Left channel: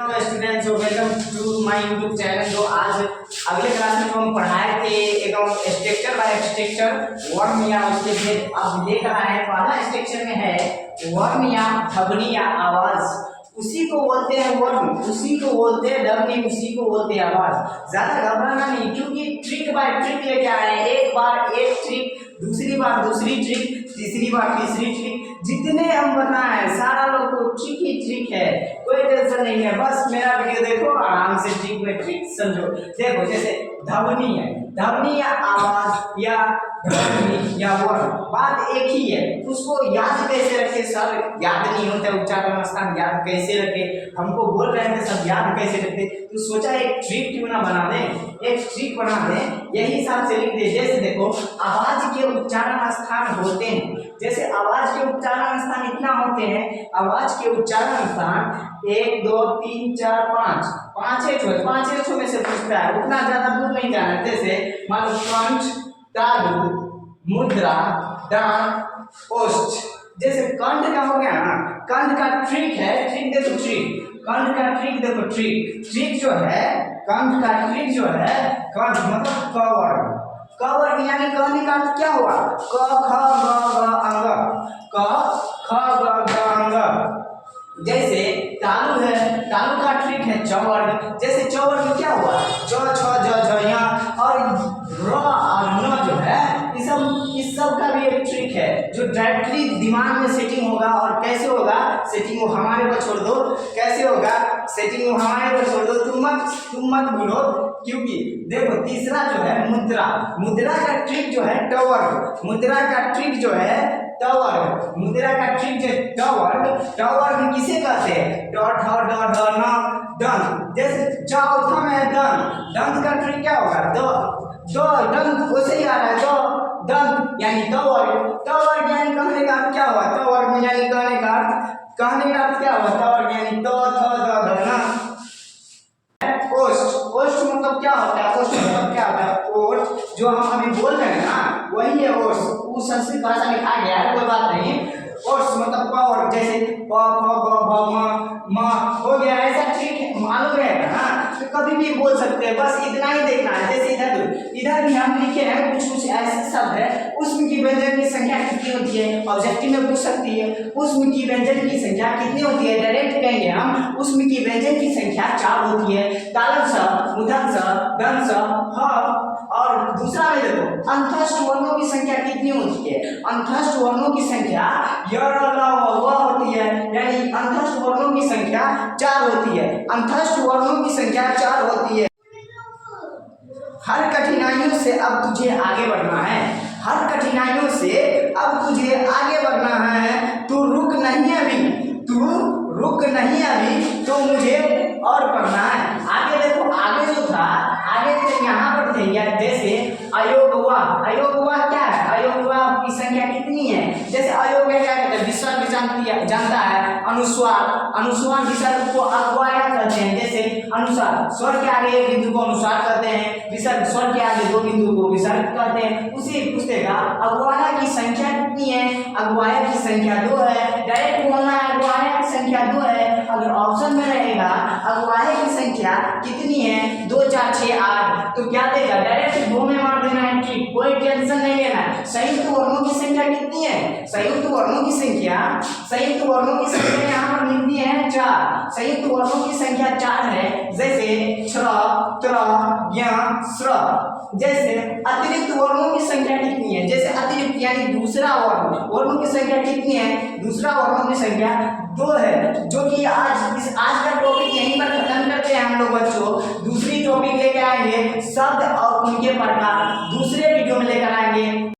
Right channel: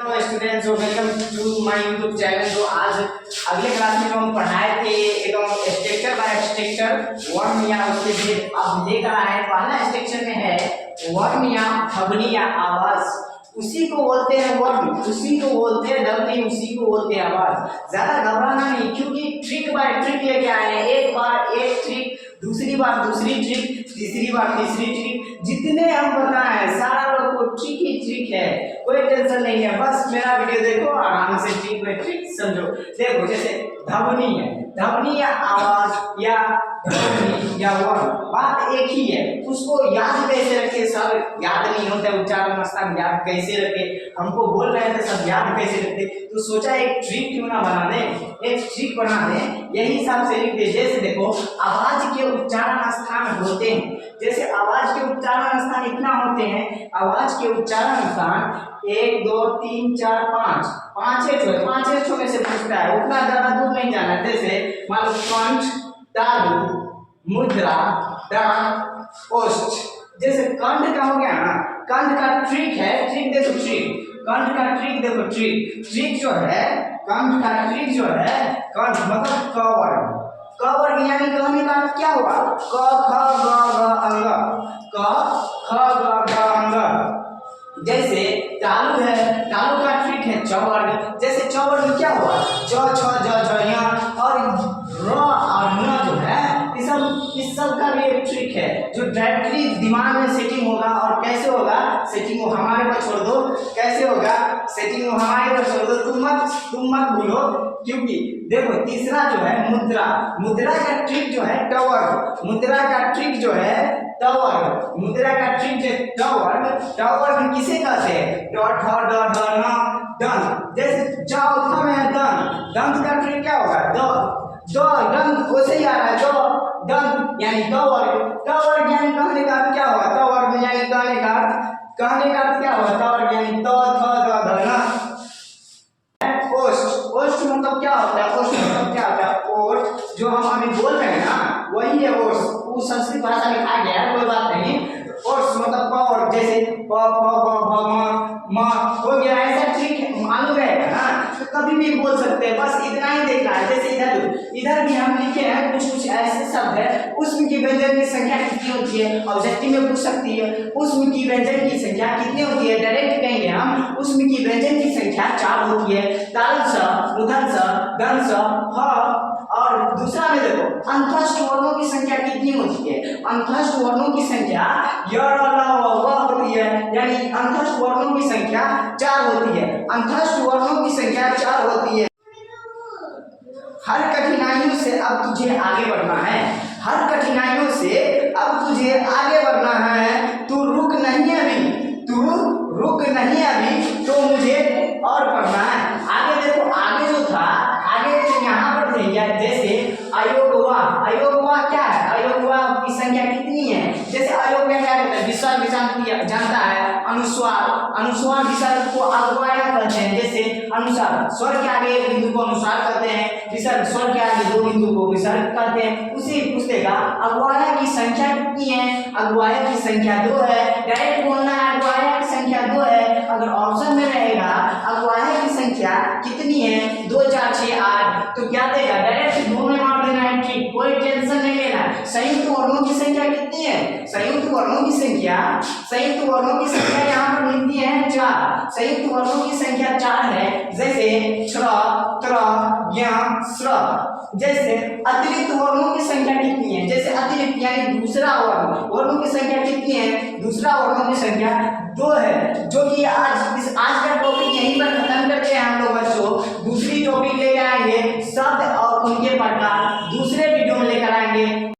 Hello students, welcome to my YouTube channel. जो आज अगले क्लास में जो हम पढ़ाए थे एकदम स्ट्रक्चर बाय स्ट्रक्चर वर्म या उसके फिर अब लेकर आए हैं। पहला स्ट्रक्चर में है वर्म या ध्वनि या आवाज। उसी को बोलते हैं वर्म, उसी को बोलते हैं ध्वनि, उसी को बोलते हैं आवाज। ज्यादा घबराना नहीं, क्योंकि ट्रिक बाय ट्रिक लेके आए हैं। एक बार एक ट्रिक, दूसरी बार दूसरी ट्रिक, तीसरी बार तीसरी ट्रिक। जितने हम बताएं सारा लोग को ट्रिक ही ट्रिक है, कोई टेंशन नहीं है। बस मेरा वीडियो देखो, आराम से ट्रिक बाय ट्रिक समझो। देखो जैसे ध्वनि है, ध्वनि या आवाज या ध्वनि या वर्म, बात एक ही है। उसको याद कैसे रखे सर, याद नहीं होता उच्चारण स्थान याद कैसे रखे। हमको बोल रहे थे सब याद कैसे रखे, तो सोचा एक ट्रिक क्यों ना बना दें, एक ट्रिक बना दें। यही हिसाब से लिख दे। जैसे देखो आवाज के उच्चारण स्थान होते हैं, जैसे आवाज के उच्चारण स्थान इतना होते हैं। आवाज के उच्चारण स्थान 1 2 3 4 5 पांच में से पूछता है, उतना ज्यादा दूर नहीं जाना है। जैसे मान लो कंठ, तालु, मुद्रा, दंत, ओष्ठ। जैसे कंठ का हो गया ना, कंठ का ट्रिक है, ट्रिक देखो ट्रिक, कंठ का ट्रिक देखो ट्रिक, ट्रिक जो है कंठ का ट्रिक जो है, कंठ मतलब कवर, कवर यानी कहने का अर्थ क्या हुआ, क ख ग घ अंग, क ख ग घ अंग। जैसे तालु है, तालु का ट्रिक है चवर्ग। जैसे चवर्ग क्या हुआ, च छ ज झ य, और र और न जो है इस सब का भी एक ट्रिक है जो डायरेक्टली दिमाग में सेटिंग होगा। और कैसे होगा सेटिंग, वो हमारे पर छोड़ दो, कैसे होगा सेटिंग वो हमारे पर छोड़ दो, तुम मत भूलो। क्योंकि देखो तीसरा जो है मुद्रा, मुद्रा का ट्रिक जो है टवर्ग, मुद्रा का ट्रिक जो है टवर्ग, मुद्रा का ट्रिक जो टवर्ग, टवर्ग किसे कहते हैं, ट ठ ड ढ न दंत। जैसे चौथा में है दंत, दंत का ट्रिक क्या होगा, द दंत वैसे ही आ रहा है, दंत यानी टवर्ग, टवर्ग यानी कहने का अर्थ क्या हुआ, टवर्ग यानी कहने का अर्थ क्या हुआ, टवर्ग यानी त थ द ध न। ओष्ठ, ओष्ठ मतलब क्या होता है, ओष्ठ मतलब क्या होता है, ओष्ठ जो हम अभी बोल रहे हैं ना वही है ओष्ठ। वो संस्कृत भाषा में लिखा गया है, कोई बात नहीं। ओष्ठ मतलब पावर, जैसे प फ ग भ म हो गया। ऐसा ट्रिक मालूम रहेगा ना तो कभी भी बोल सकते हैं, बस इतना ही देखना है। जैसे इधर भी हम लिखे हैं कुछ ऐसे शब्द है, उसमें की व्यंजन की संख्या कितनी होती है, ऑब्जेक्टिव में पूछ सकती है। उसमें की व्यंजन की संख्या कितनी होती है, डायरेक्ट कहेंगे हम, उसमें की व्यंजन की संख्या 4 होती है। तालव स, मूर्धन्य स, दंत स, ह। और दूसरा में देखो अंतस्थ वर्णों की संख्या कितनी होती है, अंतस्थ वर्णों की संख्या य र ल व होती है, यानी अंतस्थ वर्णों की संख्या 4 होती है, अंतस्थ वर्णों की संख्या 4 होती है। हर कठिनाइयों से अब तुझे आगे बढ़ना है, हर कठिनाइयों से अब तुझे आगे बढ़ना है। तू रुक नहीं अभी, तू रुक नहीं अभी, तो मुझे और पढ़ना है। आगे देखो, आगे जो था, आगे तो यहाँ पर थे या जैसे अयोगवा, अयोगवा क्या है, अयोगवा की संख्या कितनी है। जैसे अयोग क्या कहते हैं, विसर्ग जानता है, अनुस्वार, अनुस्वार विसर्ग को अगवाया कहते हैं। जैसे अनुसार, स्वर के आगे एक बिंदु को अनुसार कहते हैं, विसर्ग स्वर के आगे 2 बिंदु को विसर्ग कहते हैं। उसी पूछेगा अगवाया की संख्या कितनी है, अगवाया की संख्या 2 है। डायरेक्ट बोलना है अगवाया की संख्या 2 है। अगर ऑप्शन में रहेगा अगवाया की संख्या कितनी है, 2 4 6 8, तो क्या देगा, डायरेक्ट 2 में मार देना है, ठीक, कोई टेंशन नहीं लेना है। संयुक्त वर्णों की संख्या कितनी है, संयुक्त वर्णों की संख्या, संयुक्त वर्णों की संख्या यहाँ पर मिलती है 4, संयुक्त वर्णों की संख्या 4 है। जैसे त्र, त्र, ज्ञ, स्र। जैसे अतिरिक्त वर्णों की संख्या कितनी है, जैसे अतिरिक्त यानी दूसरा वर्ण, वर्णों की संख्या कितनी है, दूसरा वर्णों की संख्या 2 है। जो कि आज का टॉपिक यहीं पर खत्म करते हैं हम लोग बच्चों। दूसरी टॉपिक लेकर आएंगे, शब्द और उनके प्रकार दूसरे वीडियो में लेकर आएंगे।